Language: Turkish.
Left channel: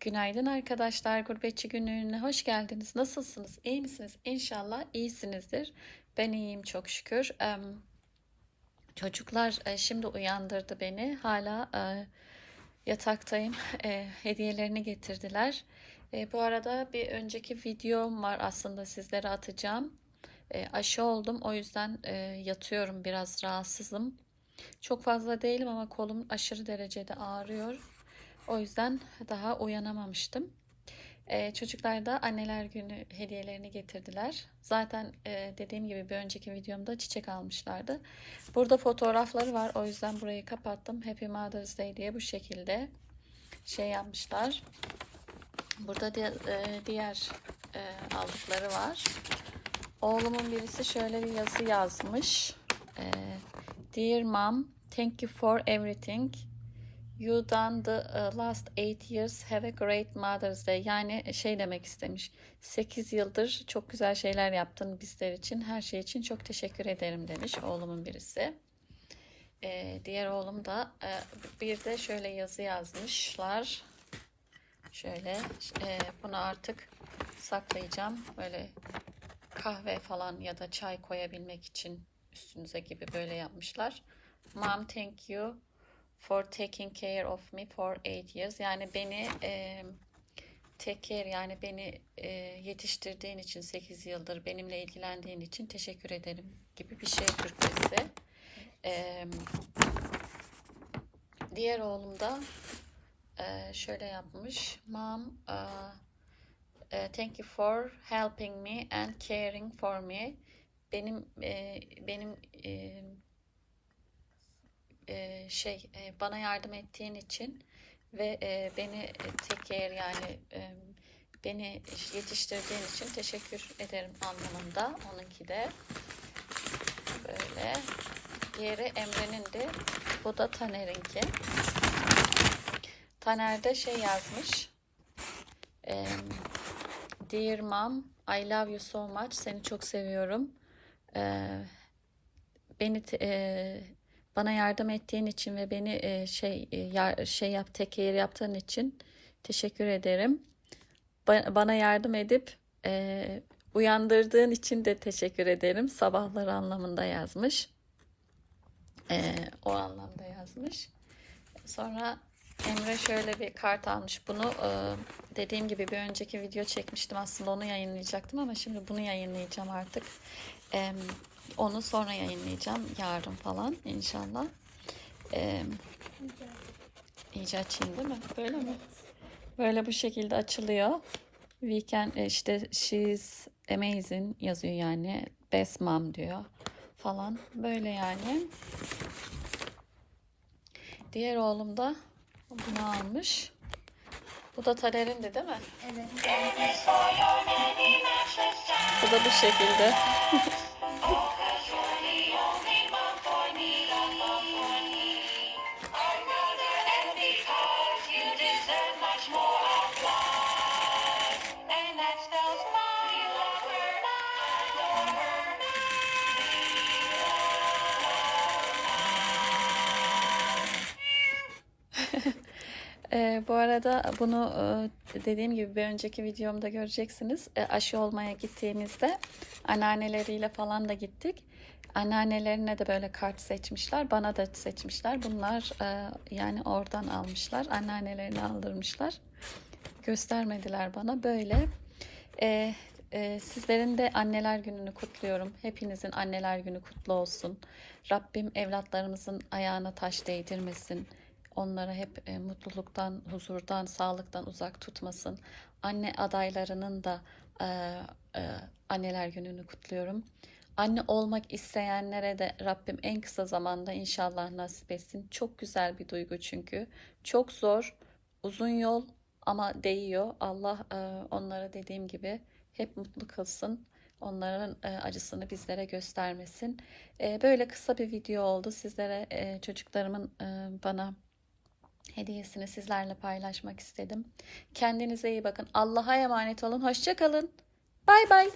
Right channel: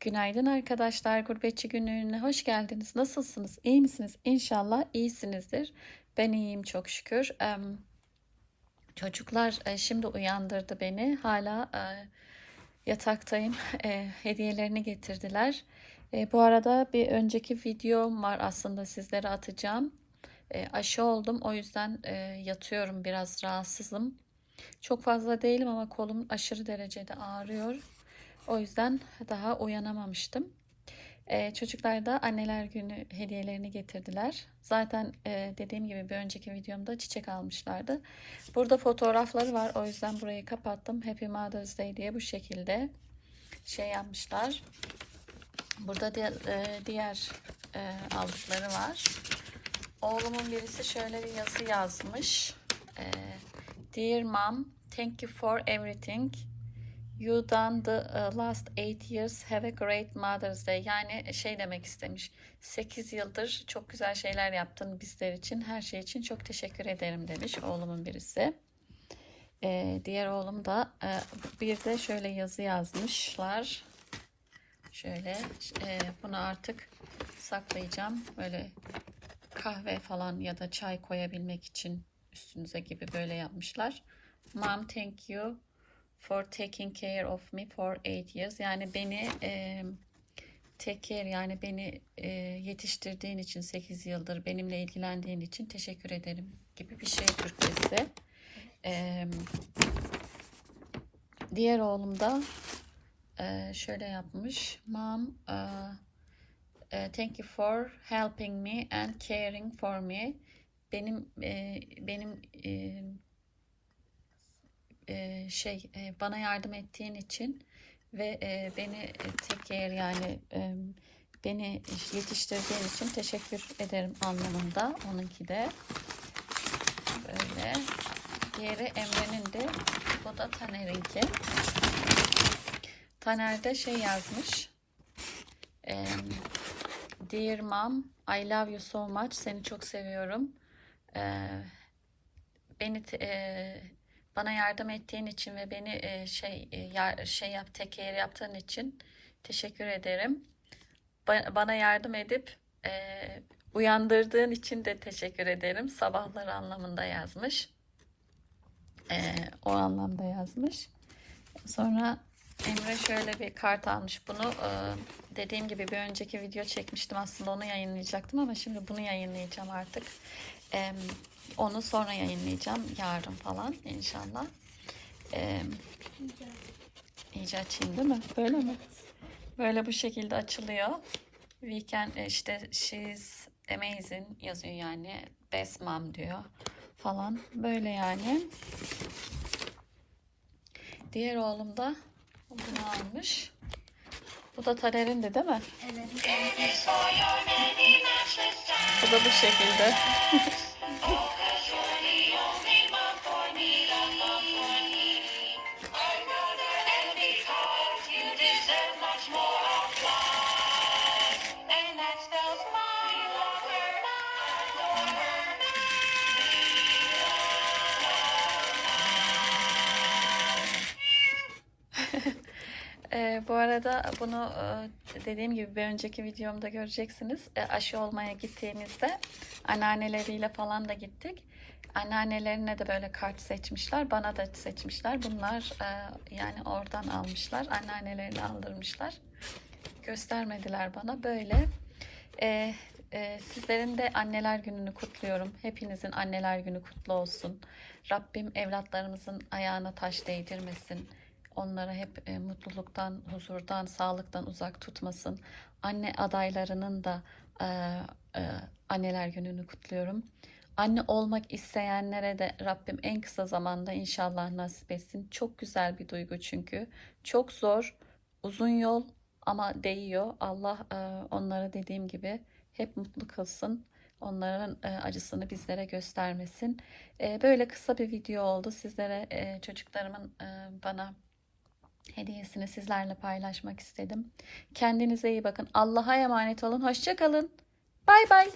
Günaydın arkadaşlar. Gurbetçi günlüğüne hoş geldiniz. Nasılsınız? İyi misiniz? İnşallah iyisinizdir. Ben iyiyim çok şükür. Çocuklar e, şimdi uyandırdı beni. Hala e, yataktayım. E, Hediyelerini getirdiler. Bu arada bir önceki videom var aslında sizlere atacağım. Aşı oldum. O yüzden yatıyorum. Biraz rahatsızım. Çok fazla değilim ama kolum aşırı derecede ağrıyor. O yüzden daha uyanamamıştım. Ee, çocuklar da anneler günü hediyelerini getirdiler. Zaten e, dediğim gibi bir önceki videomda çiçek almışlardı. Burada fotoğrafları var. O yüzden burayı kapattım. Happy Mother's Day diye bu şekilde şey yapmışlar. Burada diğer, e, diğer e, aldıkları var. Oğlumun birisi şöyle bir yazı yazmış. E, Dear Mom, thank you for everything. You done the uh, last eight years have a great Mother's Day. Yani şey demek istemiş. 8 yıldır çok güzel şeyler yaptın bizler için. Her şey için çok teşekkür ederim demiş oğlumun birisi. Ee, diğer oğlum da e, bir de şöyle yazı yazmışlar. Şöyle e, bunu artık saklayacağım. Böyle kahve falan ya da çay koyabilmek için üstünüze gibi böyle yapmışlar. Mom thank you for taking care of me for eight years. Yani beni e, take care yani beni e, yetiştirdiğin için 8 yıldır benimle ilgilendiğin için teşekkür ederim gibi bir şey Türkçesi. E, diğer oğlum da e, şöyle yapmış. Mom e, thank you for helping me and caring for me. Benim e, benim e, şey bana yardım ettiğin için ve beni take care yani beni yetiştirdiğin için teşekkür ederim anlamında. Onunki de böyle. Diğeri Emre'nin de bu da Taner'inki. Taner de şey yazmış e, Dear Mom I love you so much. Seni çok seviyorum. Beni e, bana yardım ettiğin için ve beni e, şey e, ya, şey yap teker yaptığın için teşekkür ederim. Ba- bana yardım edip e, uyandırdığın için de teşekkür ederim. Sabahları anlamında yazmış. E, o anlamda yazmış. Sonra Emre şöyle bir kart almış. Bunu e, dediğim gibi bir önceki video çekmiştim. Aslında onu yayınlayacaktım ama şimdi bunu yayınlayacağım artık. E, onu sonra yayınlayacağım. Yarın falan inşallah. E, iyice açayım değil mi? Böyle mi? Böyle bu şekilde açılıyor. Weekend e, işte she's amazing yazıyor yani. Best mom diyor falan. Böyle yani. Diğer oğlum da bunu almış. Bu da Taler'in de değil mi? Bu da bu şekilde. bu arada bunu e, dediğim gibi bir önceki videomda göreceksiniz. E, aşı olmaya gittiğimizde anneanneleriyle falan da gittik. Anneannelerine de böyle kart seçmişler. Bana da seçmişler. Bunlar e, yani oradan almışlar. Anneannelerini aldırmışlar. Göstermediler bana. Böyle. Sizlerin de anneler gününü kutluyorum. Hepinizin anneler günü kutlu olsun. Rabbim evlatlarımızın ayağına taş değdirmesin. Onları hep e, mutluluktan, huzurdan, sağlıktan uzak tutmasın. Anne adaylarının da e, e, anneler gününü kutluyorum. Anne olmak isteyenlere de Rabbim en kısa zamanda inşallah nasip etsin. Çok güzel bir duygu çünkü. Çok zor, uzun yol ama değiyor. Allah e, onlara dediğim gibi hep mutlu kılsın. Onların e, acısını bizlere göstermesin. E, böyle kısa bir video oldu. Sizlere e, çocuklarımın bana hediyesini sizlerle paylaşmak istedim. Kendinize iyi bakın. Allah'a emanet olun. Hoşça kalın. Bay bay.